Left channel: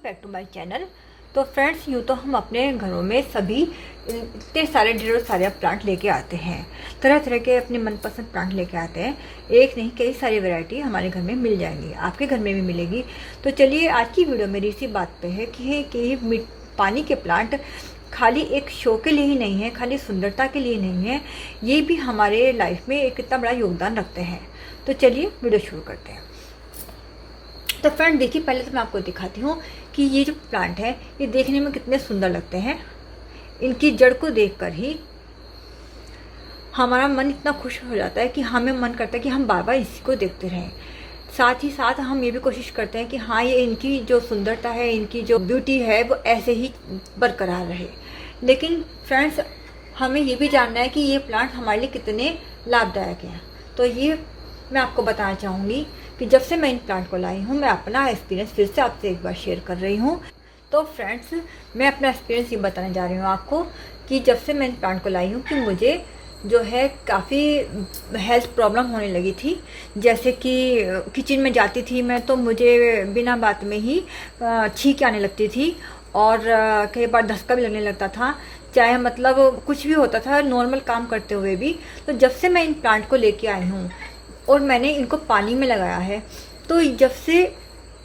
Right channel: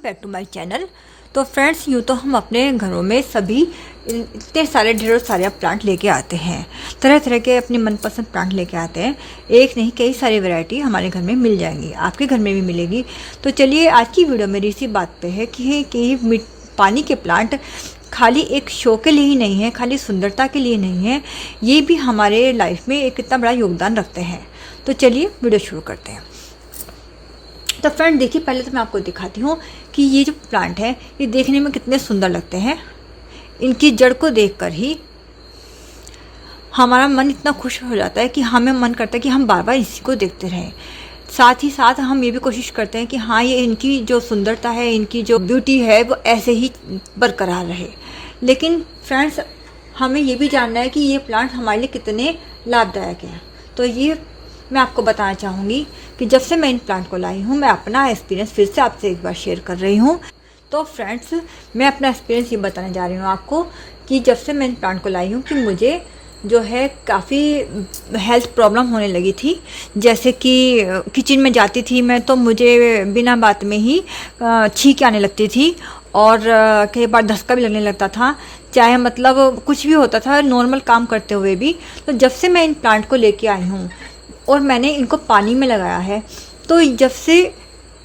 Welcome back to my channel. तो friends, यूँ तो हम अपने घरों में सभी इतने सारे ढेरों सारे प्लांट लेके आते हैं, तरह तरह के अपनी मनपसंद प्लांट लेके आते हैं। एक नहीं कई सारी वैरायटी हमारे घर में मिल जाएंगी, आपके घर में भी मिलेगी। तो चलिए, आज की वीडियो मेरी इसी बात पे है कि पानी के प्लांट खाली एक शो के लिए ही नहीं है, खाली सुंदरता के लिए नहीं है, ये भी हमारे लाइफ में एक इतना बड़ा योगदान रखते हैं। तो चलिए वीडियो शुरू करते हैं। तो फ्रेंड देखिए, पहले तो मैं आपको दिखाती हूँ कि ये जो प्लांट है ये देखने में कितने सुंदर लगते हैं। इनकी जड़ को देखकर ही हमारा मन इतना खुश हो जाता है कि हमें मन करता है कि हम बार बार इसी को देखते रहें। साथ ही साथ हम ये भी कोशिश करते हैं कि हाँ, ये इनकी जो सुंदरता है, इनकी जो ब्यूटी है वो ऐसे ही बरकरार रहे। लेकिन फ्रेंड्स, हमें ये भी जानना है कि ये प्लांट हमारे लिए कितने लाभदायक है। तो ये मैं आपको बताना चाहूँगी कि जब से मैं इन प्लांट को लाई हूँ, मैं अपना एक्सपीरियंस फिर से आपसे एक बार शेयर कर रही हूँ। तो फ्रेंड्स, मैं अपना एक्सपीरियंस ये बताने जा रही हूँ आपको कि जब से मैं इन प्लांट को लाई हूँ कि मुझे जो है काफ़ी हेल्थ प्रॉब्लम होने लगी थी। जैसे कि किचन में जाती थी मैं तो मुझे बिना बात में ही छींक आने लगती थी और कई बार धक्का भी लगने लगता था, चाहे मतलब कुछ भी होता था नॉर्मल काम करते हुए भी। तो जब से मैं इन प्लांट को लेके आई हूँ और मैंने इनको पानी में लगाया है, तो जब से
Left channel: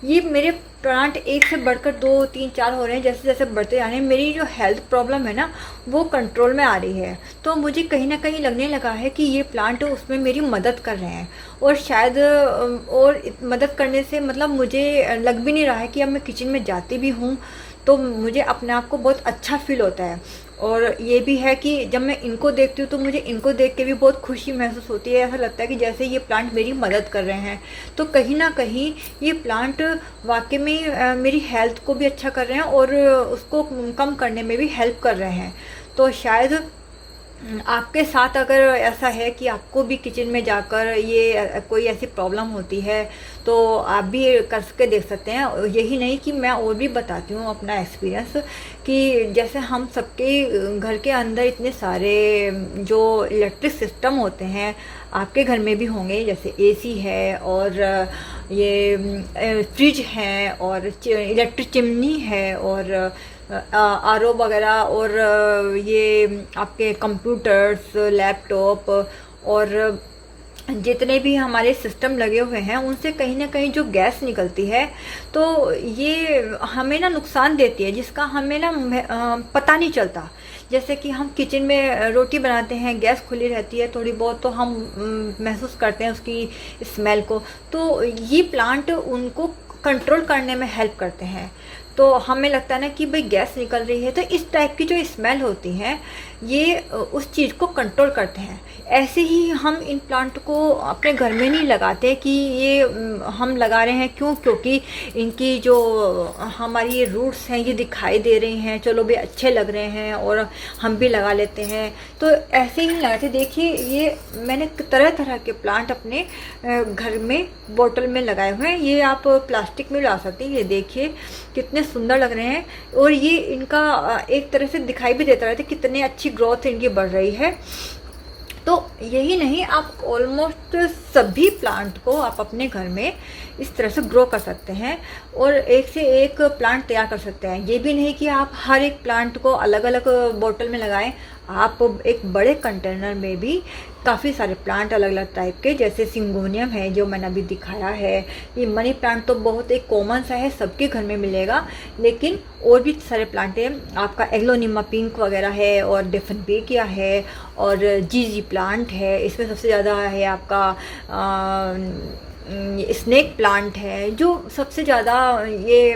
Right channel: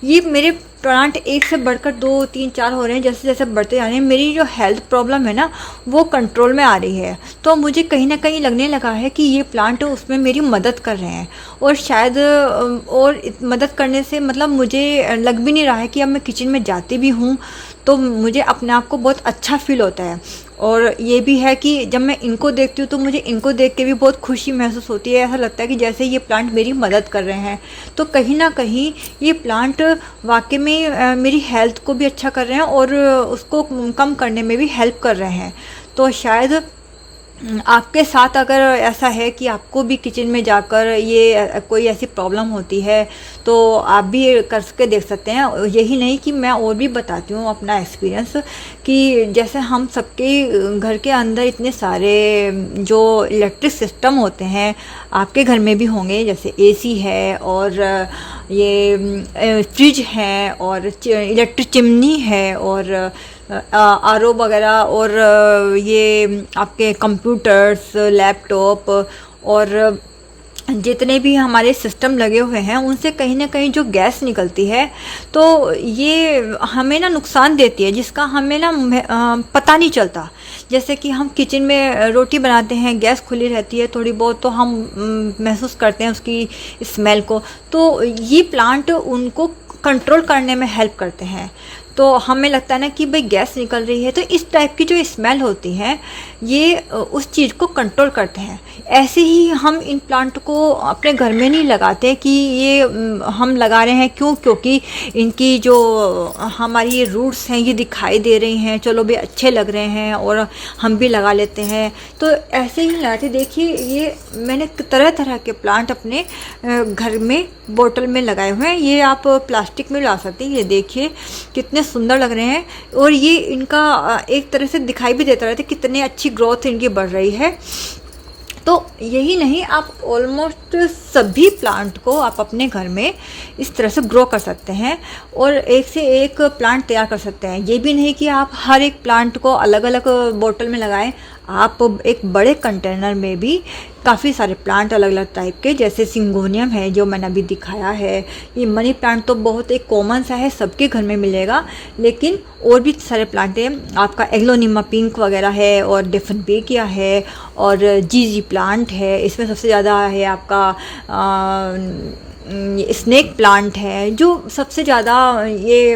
ये मेरे प्लांट एक से बढ़कर 2, 3, 4 हो रहे हैं, जैसे जैसे बढ़ते जा रहे हैं, मेरी जो हेल्थ प्रॉब्लम है ना वो कंट्रोल में आ रही है। तो मुझे कहीं ना कहीं लगने लगा है कि ये प्लांट उसमें मेरी मदद कर रहे हैं। और शायद और मदद करने से मतलब मुझे लग भी नहीं रहा है कि अब मैं किचन में जाती भी हूँ तो मुझे अपने आप को बहुत अच्छा फील होता है। और ये भी है कि जब मैं इनको देखती हूँ तो मुझे इनको देख के भी बहुत खुशी महसूस होती है। ऐसा लगता है कि जैसे ये प्लांट मेरी मदद कर रहे हैं। तो कहीं ना कहीं ये प्लांट वाकई में मेरी हेल्थ को भी अच्छा कर रहे हैं और उसको कम करने में भी हेल्प कर रहे हैं। तो शायद आपके साथ अगर ऐसा है कि आपको भी किचन में जाकर ये कोई ऐसी प्रॉब्लम होती है तो आप भी करके देख सकते हैं। यही नहीं कि मैं और भी बताती हूँ अपना एक्सपीरियंस कि जैसे हम सबके घर के अंदर इतने सारे जो इलेक्ट्रिक सिस्टम होते हैं, आपके घर में भी होंगे, जैसे एसी है और ये फ्रिज है और इलेक्ट्रिक चिमनी है और आरओ वगैरह और ये आपके कंप्यूटर्स, लैपटॉप और जितने भी हमारे सिस्टम लगे हुए हैं उनसे कहीं ना कहीं जो गैस निकलती है तो ये हमें ना नुकसान देती है, जिसका हमें ना पता नहीं चलता। जैसे कि हम किचन में रोटी बनाते हैं, गैस खुली रहती है थोड़ी बहुत तो हम महसूस करते हैं उसकी स्मेल को। तो ये प्लांट उनको कंट्रोल करने में हेल्प करते हैं। तो हमें लगता है ना कि भाई गैस निकल रही है, तो इस टाइप की जो स्मेल होती है ये उस चीज़ को कंट्रोल करते हैं। ऐसे ही हम इन प्लांट को अपने घर में नहीं लगाते कि ये हम लगा रहे हैं क्यों, क्योंकि इनकी जो हमारी ये रूट्स हैं ये दिखाई दे रही हैं, चलो भाई अच्छे लग रहे हैं और हम भी लगा लेते हैं। तो ऐसे ही लगाते। देखिए, ये मैंने तरह तरह के प्लांट अपने घर में बोतल में लगाए हुए हैं। ये आप प्लास्टिक में ला सकते हैं। ये देखिए कितने सुंदर लग रहे हैं और ये इनका एक तरह से दिखाई भी देता रहता है कितने अच्छी ग्रोथ इनकी बढ़ रही है। तो यही नहीं, आप ऑलमोस्ट सभी प्लांट को आप अपने घर में इस तरह से ग्रो कर सकते हैं और एक से एक प्लांट तैयार कर सकते हैं। ये भी नहीं कि आप हर एक प्लांट को अलग अलग बोतल में लगाएं, आप एक बड़े कंटेनर में भी काफ़ी सारे प्लांट अलग अलग टाइप के, जैसे सिंगोनियम है जो मैंने अभी दिखाया है, ये मनी प्लांट तो बहुत एक कॉमन सा है, सबके घर में मिलेगा। लेकिन और भी सारे प्लांट हैं, आपका एग्लोनिमा पिंक वगैरह है और डिफेनबेकिया है और जीजी प्लांट है। इसमें सबसे ज़्यादा है आपका स्नेक प्लांट है जो सबसे ज़्यादा ये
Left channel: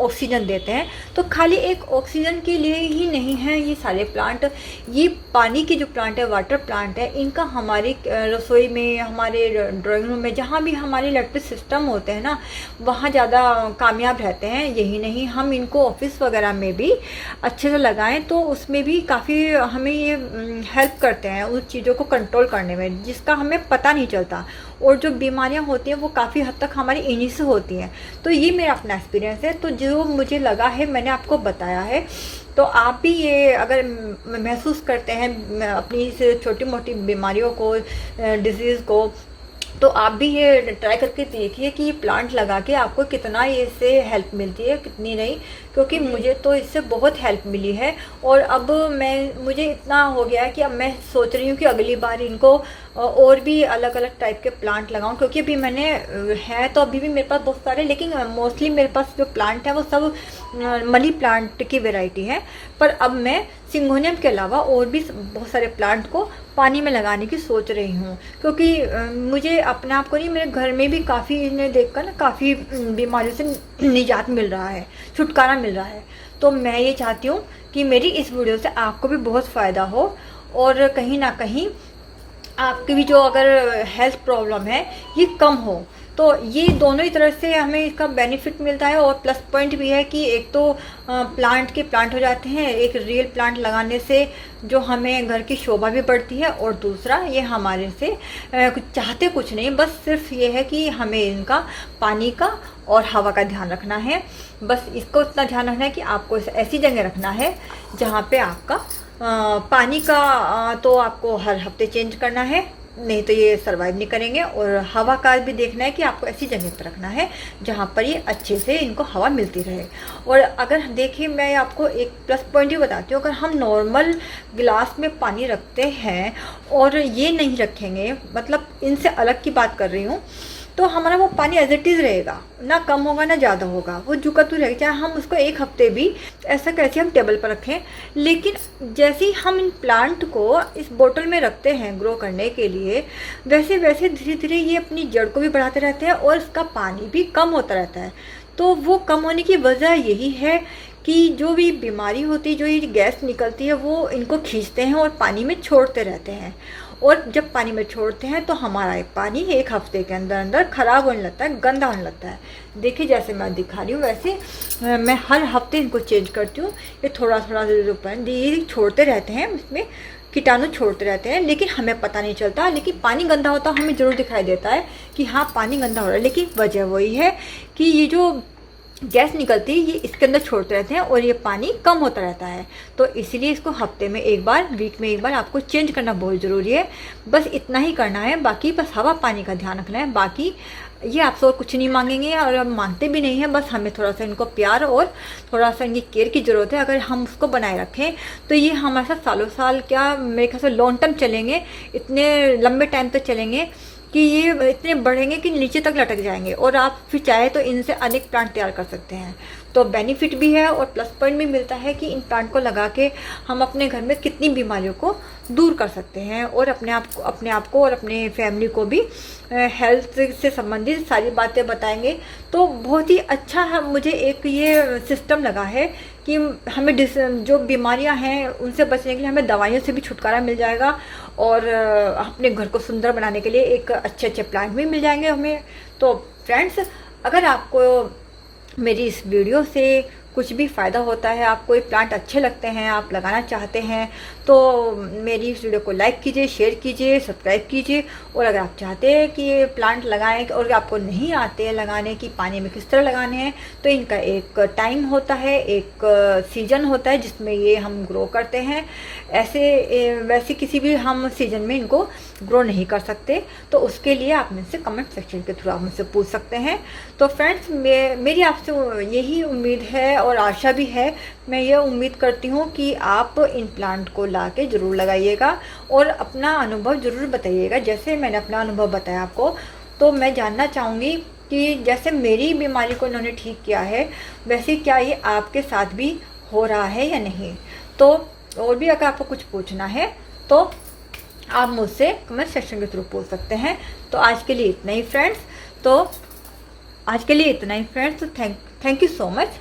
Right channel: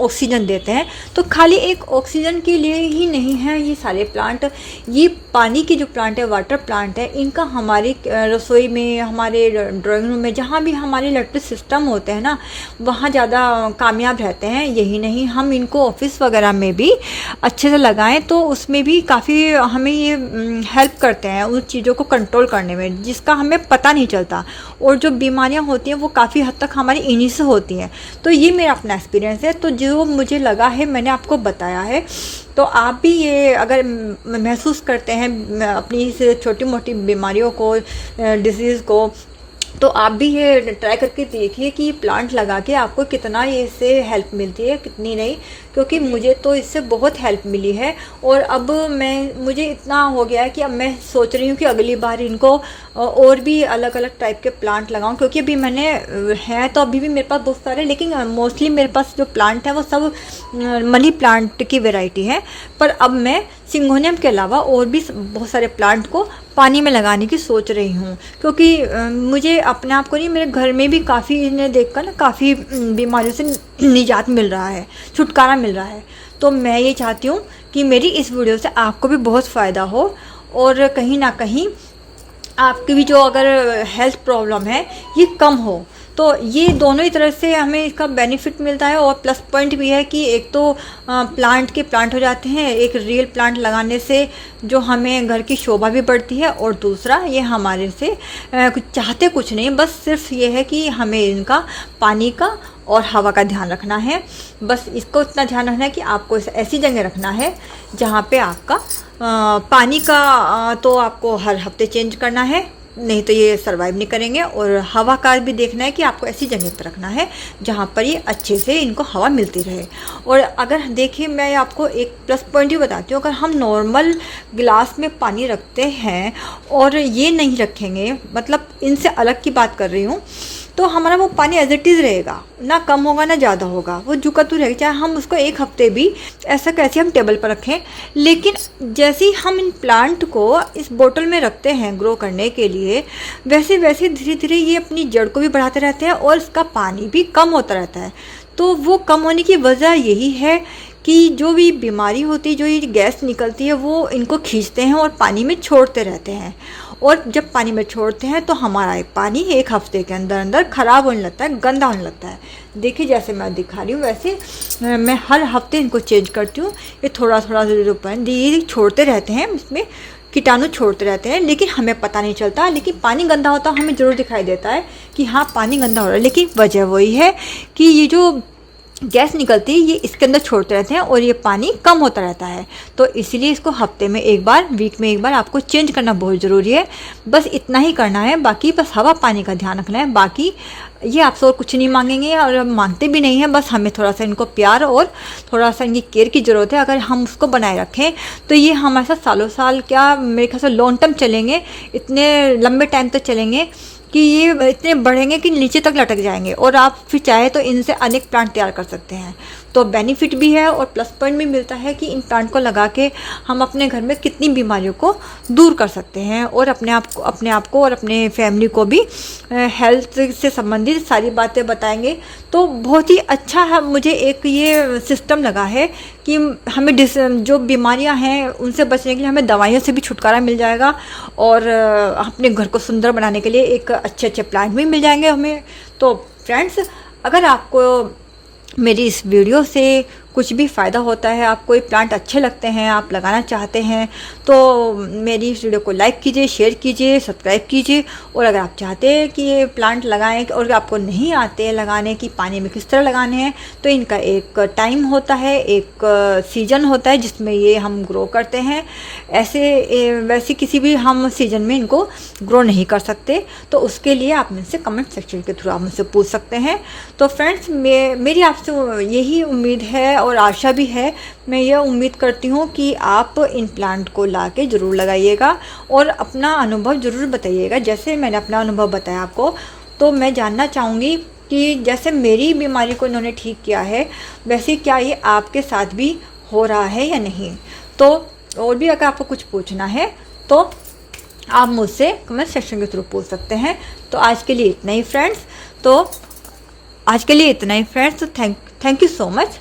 ऑक्सीजन देते हैं। तो खाली एक ऑक्सीजन के लिए ही नहीं है ये सारे प्लांट, ये पानी की जो प्लांट है, वाटर प्लांट है, इनका हमारी रसोई में, हमारे ड्राइंग रूम में, जहाँ भी हमारे इलेक्ट्रिक सिस्टम होते हैं ना वहाँ ज़्यादा कामयाब रहते हैं। यही नहीं, हम इनको ऑफिस वगैरह में भी अच्छे से लगाएं तो उसमें भी काफ़ी हमें ये हेल्प करते हैं उन चीज़ों को कंट्रोल करने में, जिसका हमें पता नहीं चलता। और जो बीमारियां होती हैं वो काफ़ी हद तक हमारी इन्हीं से होती हैं। तो ये मेरा अपना एक्सपीरियंस है, तो जो मुझे लगा है मैंने आपको बताया है। तो आप भी ये अगर महसूस करते हैं अपनी इस छोटी मोटी बीमारियों को, डिजीज़ को, तो आप भी ये ट्राई करके देखिए कि प्लांट लगा के आपको कितना इससे हेल्प मिलती है, कितनी नहीं, क्योंकि मुझे तो इससे बहुत हेल्प मिली है। और अब मुझे इतना हो गया है कि अब मैं सोच रही हूँ कि अगली बार इनको और भी अलग अलग टाइप के प्लांट लगाऊं, क्योंकि अभी मैंने हैं तो अभी भी मेरे पास बहुत सारे, लेकिन मोस्टली मेरे पास जो प्लांट है वो सब मनी प्लांट की वैरायटी है। पर अब मैं सिंगोनियम के अलावा और भी बहुत सारे प्लांट को पानी में लगाने की सोच रही हूँ, क्योंकि मुझे अपने आप को नहीं, मेरे घर में भी काफ़ी इन्हें देखकर ना काफ़ी बीमारियों से निजात मिल रहा है, छुटकारा मिल रहा है। तो मैं ये चाहती हूँ कि मेरी इस वीडियो से आपको भी बहुत फ़ायदा हो और कहीं ना कहीं आपकी भी जो अगर हेल्थ प्रॉब्लम है ये कम हो। तो ये दोनों ही तरह से हमें इसका बेनिफिट मिलता है। और प्लस पॉइंट भी है कि एक तो प्लांट हो जाते हैं, एक रियल प्लांट लगाने से जो हमें घर की शोभा भी बढ़ती है, और दूसरा ये हमारे से कुछ चाहते कुछ नहीं, बस सिर्फ ये है कि हमें इनका पानी का और हवा का ध्यान रखना है। बस इसको इतना ध्यान रखना है कि आपको ऐसी जगह रखना है जहाँ पे आपका पानी का तो आपको हर हफ्ते चेंज करना है, नहीं तो ये सरवाइव नहीं करेंगे। और हवा का भी देखना है कि आपको ऐसी जगह पर रखना है जहाँ पर ये अच्छे से इनको हवा मिलती रहे। और अगर देखिए, मैं आपको एक प्लस पॉइंट ही बताती हूँ, अगर हम नॉर्मल गिलास में पानी रखते हैं और ये नहीं रखेंगे, मतलब इनसे अलग की बात कर रही हूँ, तो हमारा वो पानी एज इट इज़ रहेगा, ना कम होगा ना ज़्यादा होगा, वो झुका तो रहेगा, चाहे हम उसको एक हफ्ते भी ऐसा कैसे हम टेबल पर रखें। लेकिन जैसे ही हम इन प्लांट को इस बोतल में रखते हैं ग्रो करने के लिए, वैसे वैसे धीरे धीरे ये अपनी जड़ को भी बढ़ाते रहते हैं और इसका पानी भी कम होता रहता है। तो वो कम होने की वजह यही है कि जो भी बीमारी होती है, जो ये गैस निकलती है, वो इनको खींचते हैं और पानी में छोड़ते रहते हैं। और जब पानी में छोड़ते हैं तो हमारा पानी एक हफ्ते के अंदर अंदर ख़राब होने लगता है, गंदा होने लगता है। देखिए जैसे मैं दिखा रही हूँ वैसे मैं हर हफ्ते इनको चेंज करती हूँ। ये थोड़ा थोड़ा धीरे छोड़ते रहते हैं, इसमें कीटाणु छोड़ते रहते हैं, लेकिन हमें पता नहीं चलता। लेकिन पानी गंदा होता हमें ज़रूर दिखाई देता है कि हाँ पानी गंदा हो रहा है, लेकिन वजह वही है कि ये जो गैस निकलती है ये इसके अंदर छोड़ते रहते हैं और ये पानी कम होता रहता है। तो इसीलिए इसको हफ्ते में एक बार, वीक में एक बार आपको चेंज करना बहुत ज़रूरी है। बस इतना ही करना है, बाकी बस हवा पानी का ध्यान रखना है। बाकी ये आपसे और कुछ नहीं मांगेंगे और मांगते भी नहीं हैं, बस हमें थोड़ा सा इनको प्यार और थोड़ा सा इनकी केयर की ज़रूरत है। अगर हम उसको बनाए रखें तो ये हमारे साथ सालों साल, क्या मेरे ख्याल से लॉन्ग टर्म चलेंगे, इतने लंबे टाइम तक चलेंगे कि ये इतने बढ़ेंगे कि नीचे तक लटक जाएंगे। और आप फिर चाहे तो इनसे अनेक प्लांट तैयार कर सकते हैं। तो बेनिफिट भी है और प्लस पॉइंट भी मिलता है कि इन प्लांट को लगा के हम अपने घर में कितनी बीमारियों को दूर कर सकते हैं और अपने आप को और अपने फैमिली को भी हेल्थ से संबंधित सारी बातें बताएंगे। तो बहुत ही अच्छा है, मुझे एक ये सिस्टम लगा है कि हमें जो बीमारियां हैं उनसे बचने के लिए हमें दवाइयों से भी छुटकारा मिल जाएगा और अपने घर को सुंदर बनाने के लिए एक अच्छे प्लांट भी मिल जाएंगे हमें। तो फ्रेंड्स, अगर आपको मेरी इस वीडियो से कुछ भी फ़ायदा होता है, आपको ये प्लांट अच्छे लगते हैं, आप लगाना चाहते हैं, तो मेरी इस वीडियो को लाइक कीजिए, शेयर कीजिए, सब्सक्राइब कीजिए। और अगर आप चाहते हैं कि ये प्लांट लगाएं और आपको नहीं आते हैं लगाने की, पानी में किस तरह लगाने हैं, तो इनका एक टाइम होता है, एक सीज़न होता है जिसमें ये हम ग्रो करते हैं। वैसे किसी भी हम सीज़न में इनको ग्रो नहीं कर सकते, तो उसके लिए आप मुझसे कमेंट सेक्शन के थ्रू आप मुझसे पूछ सकते हैं। तो फ्रेंड्स, मेरी आपसे यही उम्मीद है और आशा भी है, मैं ये उम्मीद करती हूँ कि आप इन प्लांट को ला के ज़रूर लगाइएगा और अपना अनुभव ज़रूर बताइएगा। जैसे मैंने अपना अनुभव बताया आपको, तो मैं जानना चाहूँगी कि जैसे मेरी बीमारी को इन्होंने ठीक किया है, वैसे क्या ये आपके साथ भी हो रहा है या नहीं। तो और भी अगर आपको कुछ पूछना है तो आप मुझसे कमेंट सेक्शन के थ्रू पूछ सकते हैं। तो आज के लिए इतना ही friends, thank you so much.